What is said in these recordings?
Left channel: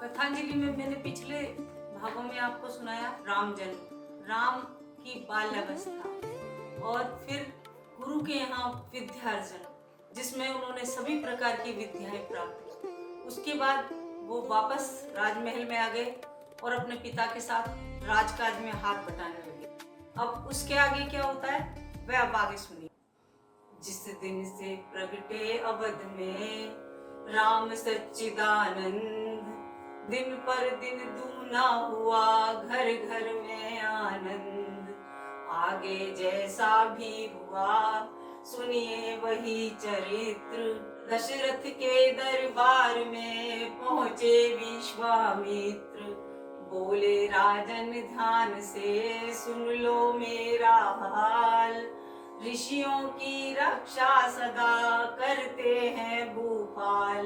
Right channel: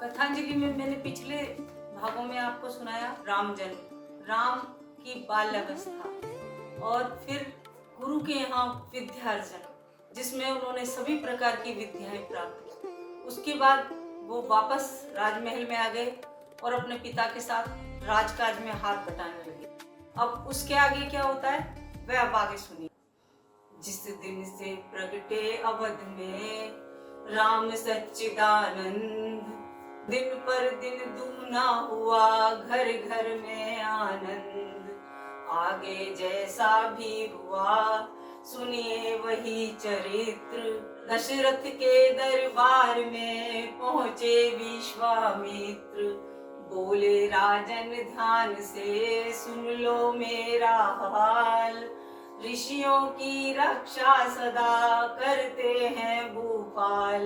कथांजलि में मैंने पिछले भागों में आपको सुनाया राम जन्म, राम की बाल्यावस्था और फिर गुरु के यहाँ विद्यार्जन, जिसमें उन्होंने सभी प्रकार की विद्याएं प्राप्त की। उसके बाद वो वापस राजमहल में आ गए और अपने पिता के साथ राजकाज में हाथ बटाने लगे। अब उसके आगे क्या होता है वह आप आगे सुनिए। जिस दिन से प्रगटे अवध में राम सच्चिदानंद, दिन पर दिन दूना हुआ घर घर में आनंद। आगे जैसा भी हुआ सुनिए वही चरित्र, दशरथ के दरबार में पहुंचे विश्वामित्र। बोले राजन ध्यान से सुन लो मेरा हाल, ऋषियों की रक्षा सदा करते हैं भूपाल।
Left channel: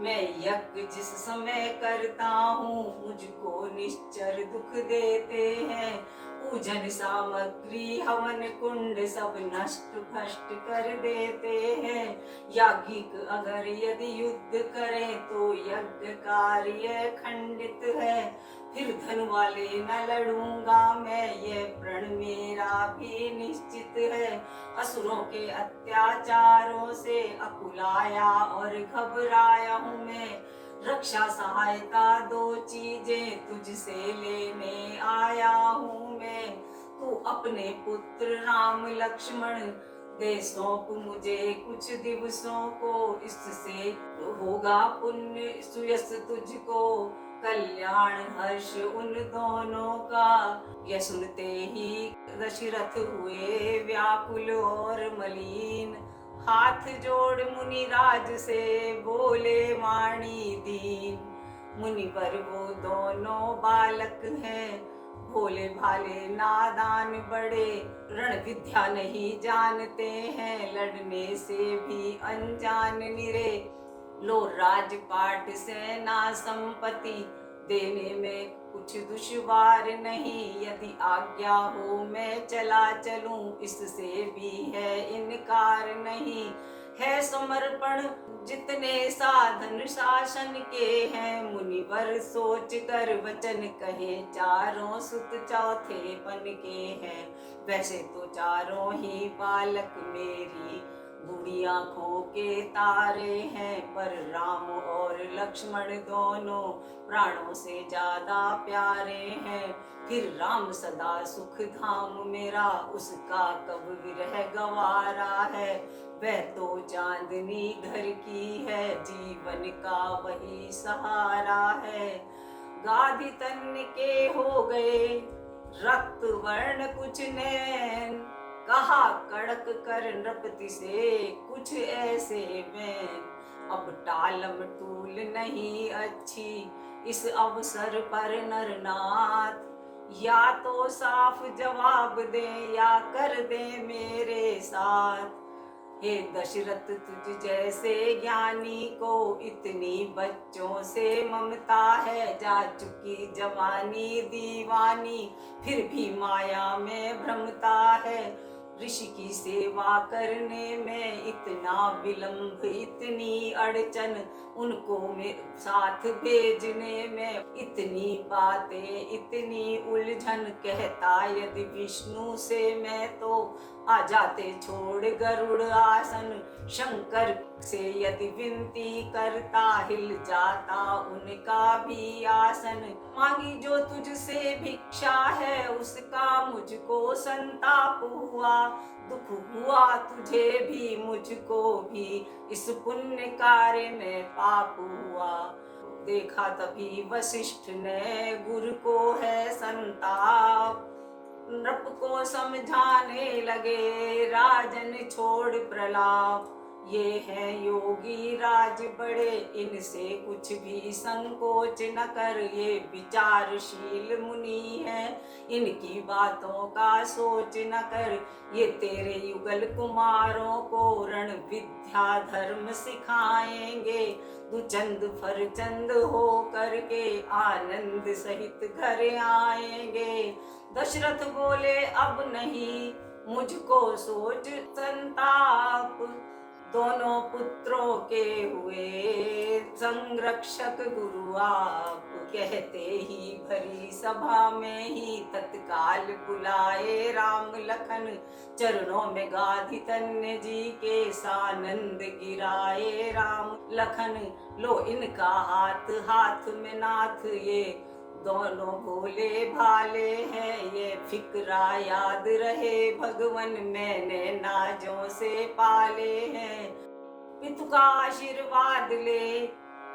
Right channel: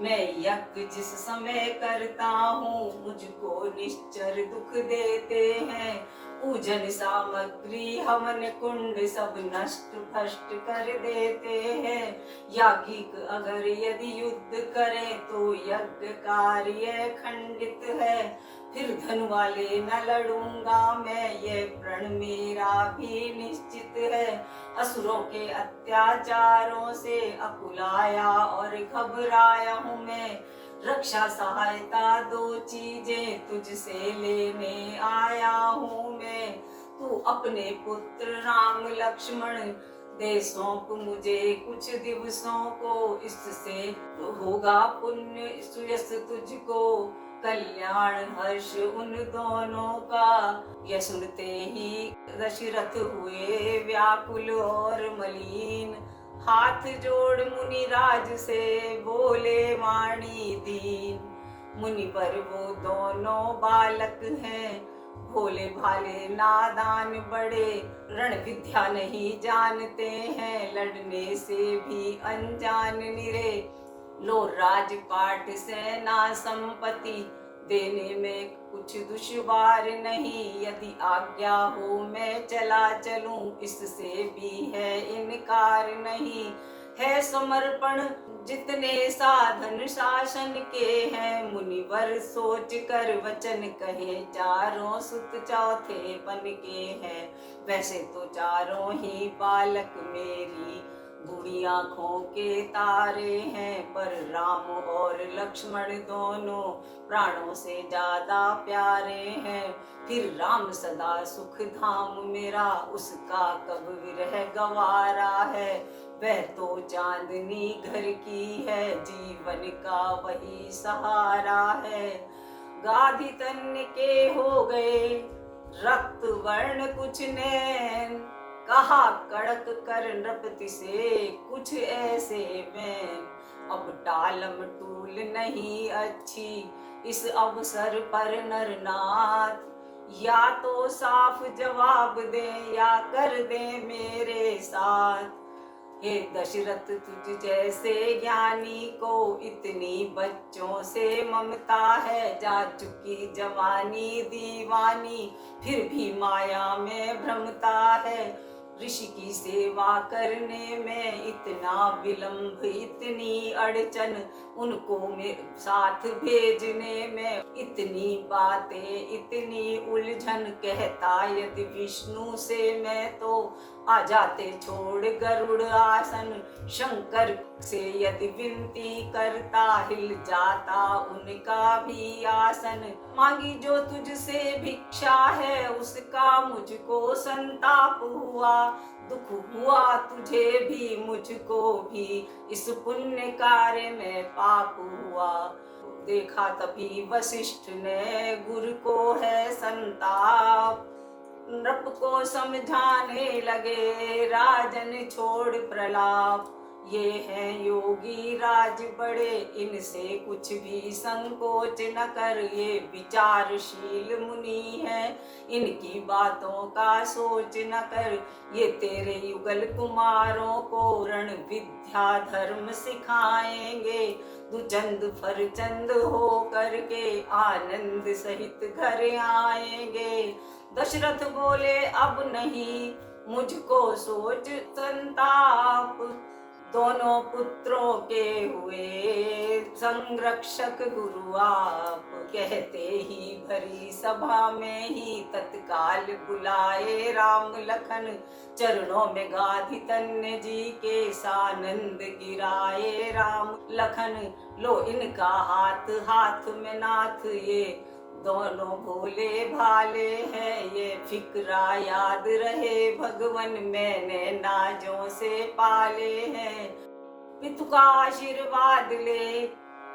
मैं यज्ञ जिस समय करता हूँ मुझको निश्चर दुख देते हैं। पूजन सामग्री हवन कुंड सब नष्ट भ्रष्ट कर देते हैं। याज्ञिक अगर यदि युद्ध करें तो यज्ञ कार्य खंडित है। फिर धन वाले न लड़ूंगा मैं, ये प्रण मेरा भी निश्चित है। असुरों के अत्याचारों से अकुलाया और घबराया हूँ मैं। रक्षा सहायता दो चीजें तुझसे लेने आया हूँ मैं। तू अपने पुत्र राम लक्ष्मण दे सौंप मुझे कुछ दिवसों को, इससे होगा पुण्य सुयश तुझको, कल्याण हर्ष उन दोनों का। यह सुनते ही दशरथ हुए व्याकुल और मलिन, हाथ जोड़ मुनिराज से बोले वाणी दीन। मुनि पर वो दोनों बालक हैं, भोले भाले नादान बड़े, रण विद्या नहीं जानते हैं, लड़ने से भी अनजान निरे। लो राजपाट सेना संपत्ति देने में कुछ दुश्वार नहीं, यदि आज्ञा हो मैं चला चलूं इससे भी है इनकार नहीं। है समर्पण जितने साधन शासन के हैं, मुनिवर सोच कर वचन कहे चारों सुत चौथे बन के हैं। वैसे तो चारों ही बालक मेरी बूढ़ी आंखों के तारे हैं, पर राम और लक्ष्मण दोनों प्राणों से ज्यादा प्यारे हैं। फिर राम सदा सुख धाम मेरा, उसका कब विरह गवारा है। वह तो चांदनी घर की है, जीवन का वही सहारा है। गाधी तन के हो गए रक्त वर्ण कुछ नैन, कहा कड़क कर नृपति से कुछ ऐसे में। अब टालम टूल नहीं अच्छी इस अवसर पर नरनाथ, या तो साफ जवाब दे या कर दे मेरे साथ। हे दशरथ तुझ जैसे ज्ञानी को इतनी बच्चों से ममता है, जा चुकी जवानी दीवानी फिर भी माया में भ्रमता है। ऋषि की सेवा करने में इतना विलंब इतनी अड़चन, उनको मेरे साथ भेजने में इतनी बातें इतनी उलझन। कहता यदि विष्णु से मैं तो आ जाते छोड़ गरुड़ आसन, शंकर से यदि विनती करता हिल जाता उनका भी आसन। मांगी जो तुझसे भिक्षा है उसका मुझको संताप हुआ, दुख हुआ तुझे भी मुझको भी इस पुण्य कार्य में पाप हुआ। देखा तभी वशिष्ठ ने गुरु को है संताप, नृप को समझाने लगे राजन छोड़ प्रलाप। ये है योगी राज बड़े, इनसे कुछ भी संकोच न कर। ये विचारशील मुनि है, इनकी बातों का सोच न कर। ये तेरे युगल कुमारों को रण विद्या धर्म सिखाएंगे। तू चंद फरचंद हो करके आनंद सहित घर आएंगे। दशरथ बोले अब नहीं मुझको सोच संताप, दोनों पुत्रों के हुए संरक्षक गुरु आप, कहते ही भरी सभा में ही तत्काल बुलाए राम लखन, चरणों में गाधी तन्य जी के सानंद गिराए राम लखन, लो इनका हाथ हाथ में नाथ, ये दोनों भोले भाले हैं, ये फिक्रा याद रहे भगवन मैंने नाजों से पाले हैं, पितु का आशीर्वाद ले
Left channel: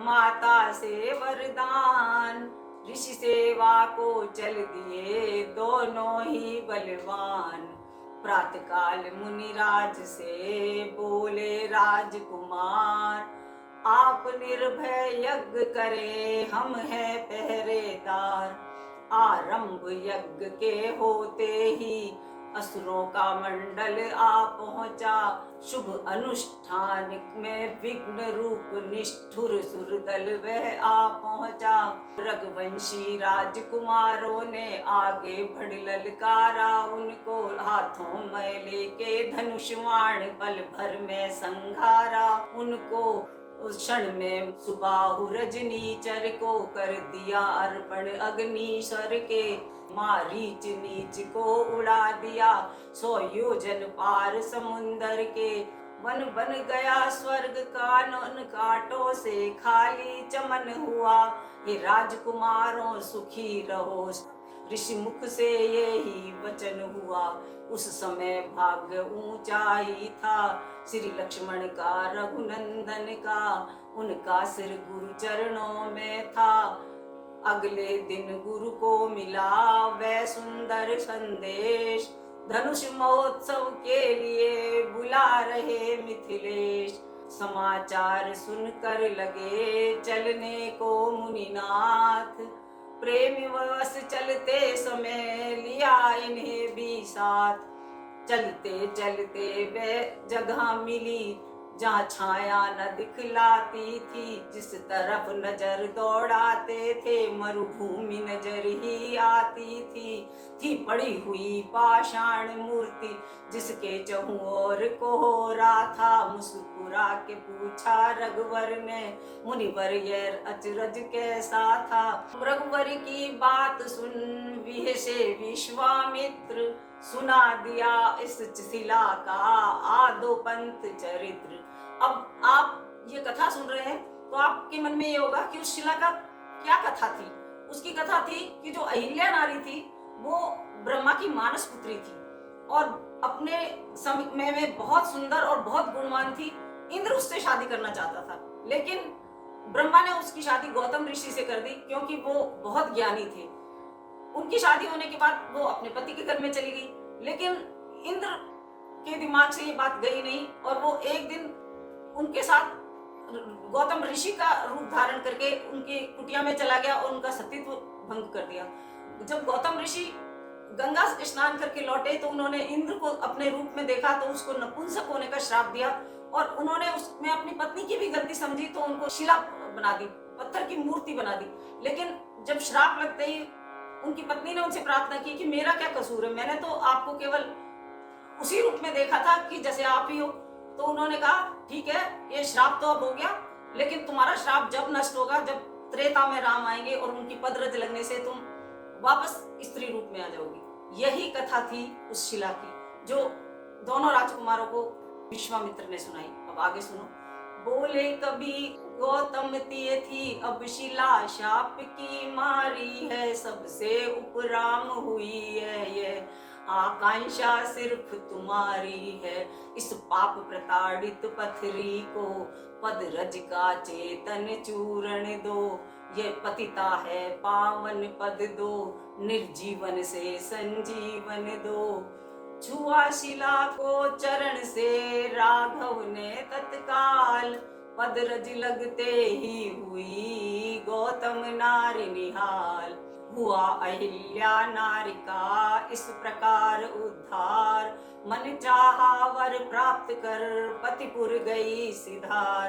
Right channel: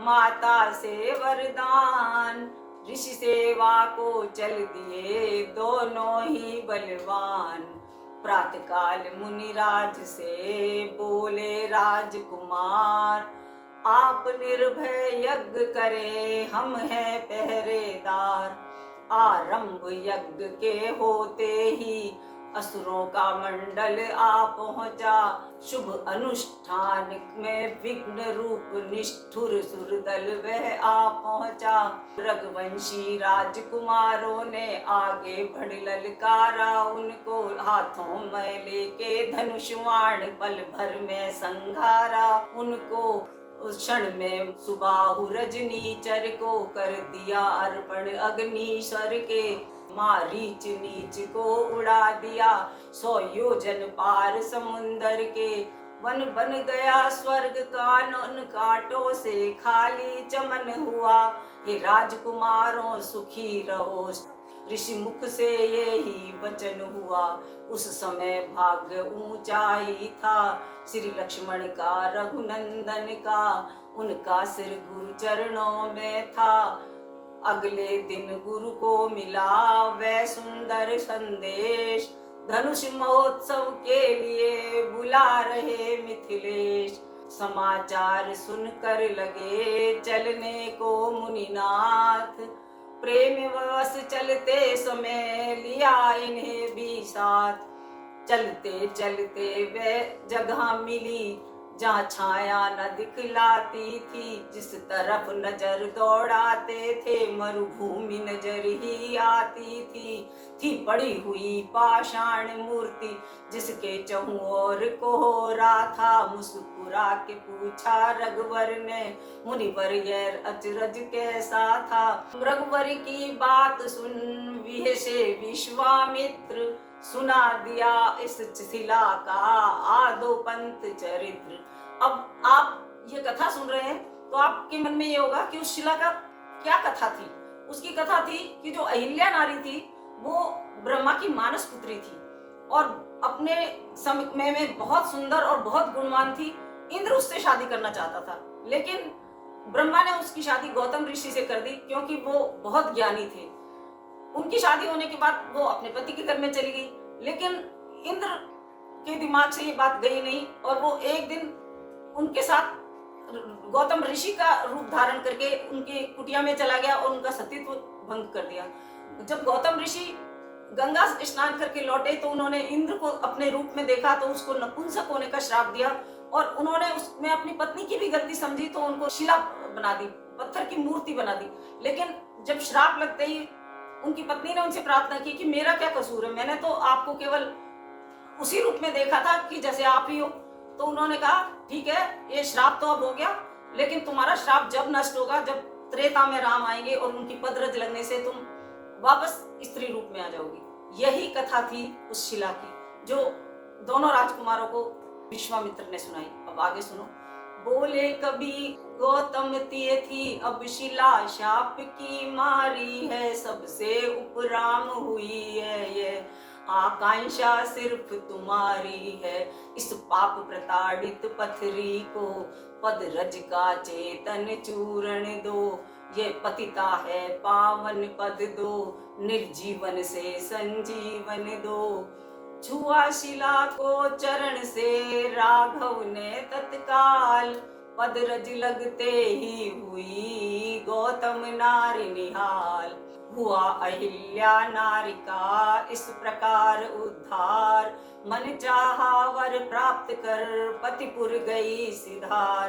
माता से वरदान, ऋषि सेवा को चल दिए दोनों ही बलवान, प्रातःकाल मुनिराज से बोले राजकुमार, आप निर्भय यज्ञ करे हम हैं पहरेदार, आरंभ यज्ञ के होते ही असुरों का मंडल आ पहुंचा, शुभ अनुष्ठान में विघ्न रूप निष्ठुर सुरदल वह आ पहुंचा, रघुवंशी राजकुमारों ने आगे बढ़ ललकारा उनको, हाथों में लेके धनुष बाण पल भर में संघारा उनको, उस क्षण में सुबाहु रजनीचर को कर दिया अर्पण अग्निशर के, मारीच नीच को उड़ा दिया 100 योजन पार समुंदर के, वन बन गया स्वर्ग का उन कांटों से खाली चमन हुआ, हे राजकुमारों सुखी रहो, ऋषि मुख से यही वचन हुआ, उस समय भाग्य ऊंचाई था श्री लक्ष्मण का रघुनंदन का, उनका सिर गुरु चरणों में था, अगले दिन गुरु को मिला वह सुंदर संदेश, धनुष महोत्सव के लिए बुला रहे मिथिलेश, समाचार सुनकर लगे चलने को मुनिनाथ, प्रेम वश चलते समय लिया इन्हें भी साथ, चलते चलते वह जगह मिली जहाँ छाया न दिखलाती थी, जिस तरफ नजर दौड़ाते थे मरुभूमि नजर ही आती थी पड़ी हुई पाषाण मूर्ति जिसके चहुओर कोहरा था, मुस्कुरा के पूछा रघुवर ने मुनिवर यह अचरज कैसा था, रघुवर की बात सुन विहसे विश्वामित्र, सुना दिया इस शिला का आदो पंथ चरित्र। अब आप ये कथा सुन रहे हैं तो आपके मन में ये होगा कि उस शिला का क्या कथा थी। उसकी कथा थी कि जो अहिल्या नारी थी वो ब्रह्मा की मानस पुत्री थी और अपने समय में बहुत सुंदर और बहुत गुणवान थी। इंद्र उससे शादी करना चाहता था लेकिन ब्रह्मा ने उसकी शादी गौतम ऋषि से कर दी क्योंकि वो बहुत ज्ञानी थे। उनकी शादी होने के बाद वो अपने पति के घर में चली गई, लेकिन इंद्र के दिमाग से ये बात गई नहीं और वो एक दिन उनके साथ गौतम ऋषि का रूप धारण करके उनकी कुटिया में चला गया और उनका सतीत्व भंग कर दिया। जब गौतम ऋषि गंगा स्नान करके लौटे तो उन्होंने इंद्र को अपने रूप में देखा तो उसको नपुंसक होने का श्राप दिया और उन्होंने उसमें अपनी पत्नी की भी गलती समझी तो उनको शिला बना दी, पत्थर की मूर्ति बना दी। लेकिन जब श्राप लगते ही उनकी पत्नी ने उनसे प्रार्थना की कि मेरा क्या कसूर है, मैंने तो आपको केवल उसी रूप में देखा था कि जैसे आप ही हो। तो उन्होंने कहा ठीक है ये श्राप तो अब हो गया, लेकिन तुम्हारा श्राप जब नष्ट होगा जब त्रेता में राम आएंगे और उनकी पदरज लगने से तुम वापस स्त्री रूप में आ जाओगी। यही कथा थी उस शिला की जो दोनों राजकुमारों को विश्वामित्र ने सुनाई। अब आगे सुनो। बोले कभी गौतम तिये थी अब शिला शाप की मारी है, सबसे उपराम हुई है ये आकांक्षा सिर्फ तुम्हारी है, इस पाप प्रताड़ित पथरी को पद रज का चेतन चूरण दो, ये पतिता है पावन पद दो, निर्जीवन से संजीवन दो। छुआ शिला को चरण से राघव ने तत्काल, पद रज लगते ही हुई गौतम नारी निहाल, हुआ अहिल्या नारी का इस प्रकार उद्धार, मन चाहा वर प्राप्त कर पतिपुर गई सिधार,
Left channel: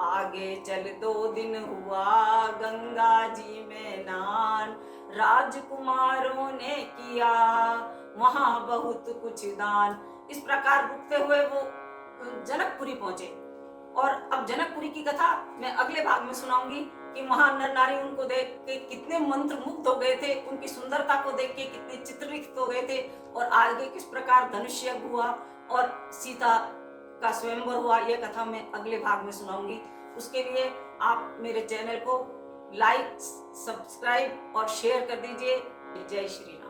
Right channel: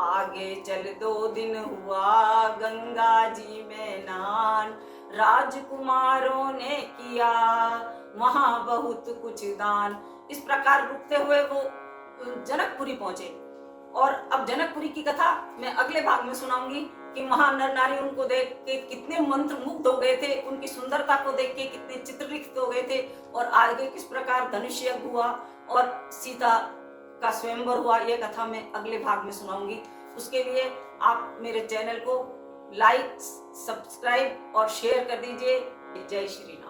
आगे चल 2 दिन हुआ गंगा जी में नान, राजकुमारों ने किया वहां बहुत कुछ दान। इस प्रकार रुकते हुए वो जनकपुरी पहुंचे। और अब जनकपुरी की कथा मैं अगले भाग में सुनाऊंगी कि वहां नर नारी उनको देख के कितने मंत्रमुग्ध हो गए थे, उनकी सुंदरता को देख के कितने चित्रलिखित हो गए थे, और आगे किस प्रकार धनुष यज्ञ हुआ और सीता का स्वयंवर हुआ। यह कथा मैं अगले भाग में सुनाऊंगी। उसके लिए आप मेरे चैनल को लाइक, सब्सक्राइब और शेयर कर दीजिए। जय श्री राम।